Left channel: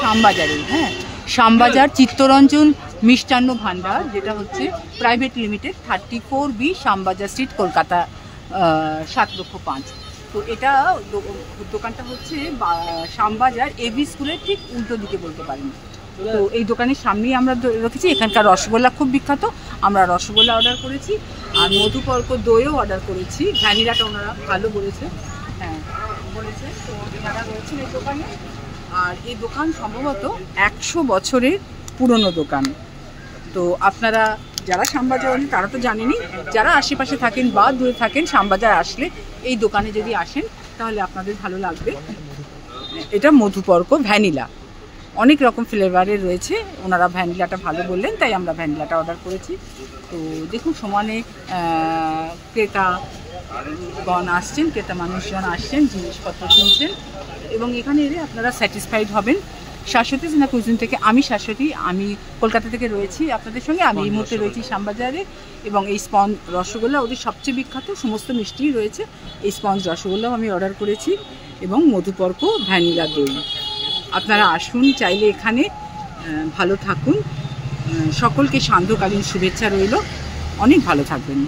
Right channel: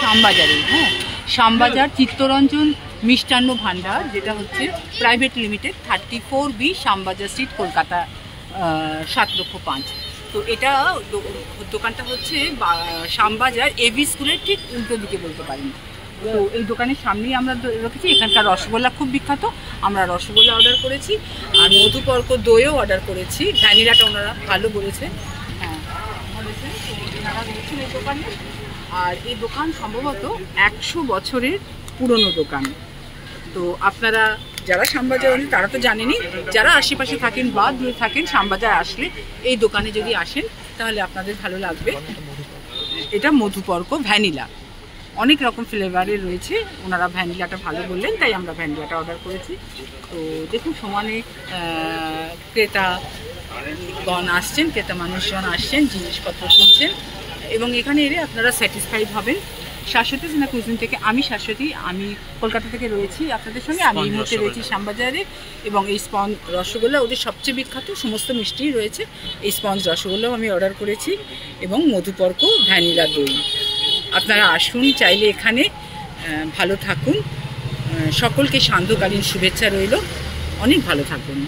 শ্যামবাজারে, হ্যাঁ, শ্যামবাজার চিত্তরঞ্জন মিষ্টান্ন ভাণ্ডার, যেটা হচ্ছে private limited, 34B Shyambazar street, Kolkata 7,05,000। তো এটা দোকানটা হচ্ছে শ্যামবাজার এবি স্কুলের ঠিক উল্টো দিকে বলতে পারেন। তো এই দোকানের সামনেই আমরা রেখেছি। এখানকার রসগোল্লা খুব বিখ্যাত, আমরা রসগোল্লা অর্ডার করেছি, আর মধুপর্ক দইও অর্ডার করেছি। ভ্যানিলাটা ওনারা ভালো বলেছে, হ্যাঁ বলেছে। তো এনারা রয়েছেন এই দোকানে। আর এই দোকান সম্ভবত 100 বছরের পুরনো দোকান। তো আপনারা যারা শ্যামবাজার তারা তো জানেনই, যারা আশেপাশে থাকেন বা দূরে থাকেন, শ্যামবাজার আসলে এই দোকানে যদি আসেন তাহলে আপনাদের ভালো লাগবে। এটা মধুপর্ক ভ্যানিলা, অনেক রকম ফ্লেভারের রয়েছে। ওনারা ভ্যানিলাটা ভালো বললেন, তাই আমরা ভ্যানিলাটা অর্ডার করেছি। তো দেখুন সমানে ক্রেতাগণ আসছেন, ক্রেতা মানুষজন আসছেন, জিনিসপত্র কিনছেন, এবং এখানে এলে আপনারা স্যাটিসফাইড হবেন। শাশ্বতী সিনা কুইজিন থেকে আমি শাশ্বতী, আমি কলকাতা থেকে রয়েছি আপনাদের সঙ্গে। আমি এই মুহূর্তে রয়েছি শ্যামবাজারে, এবং এই স্পঞ্জ রসগোল্লা ওদের সবচেয়ে বিখ্যাত, সমস্ত মিষ্টিই রয়েছে। এই স্পঞ্জ রসগোল্লাও আমি অর্ডার করেছি, এবং মধুপর্ক ভ্যানিলা দই। আপনারা আসুন চাইলে এখানে, ভালো থাকুন। সকলকে সান্ধ্যকালীন শুভেচ্ছা রইল, অনেক ভালো থাকবেন।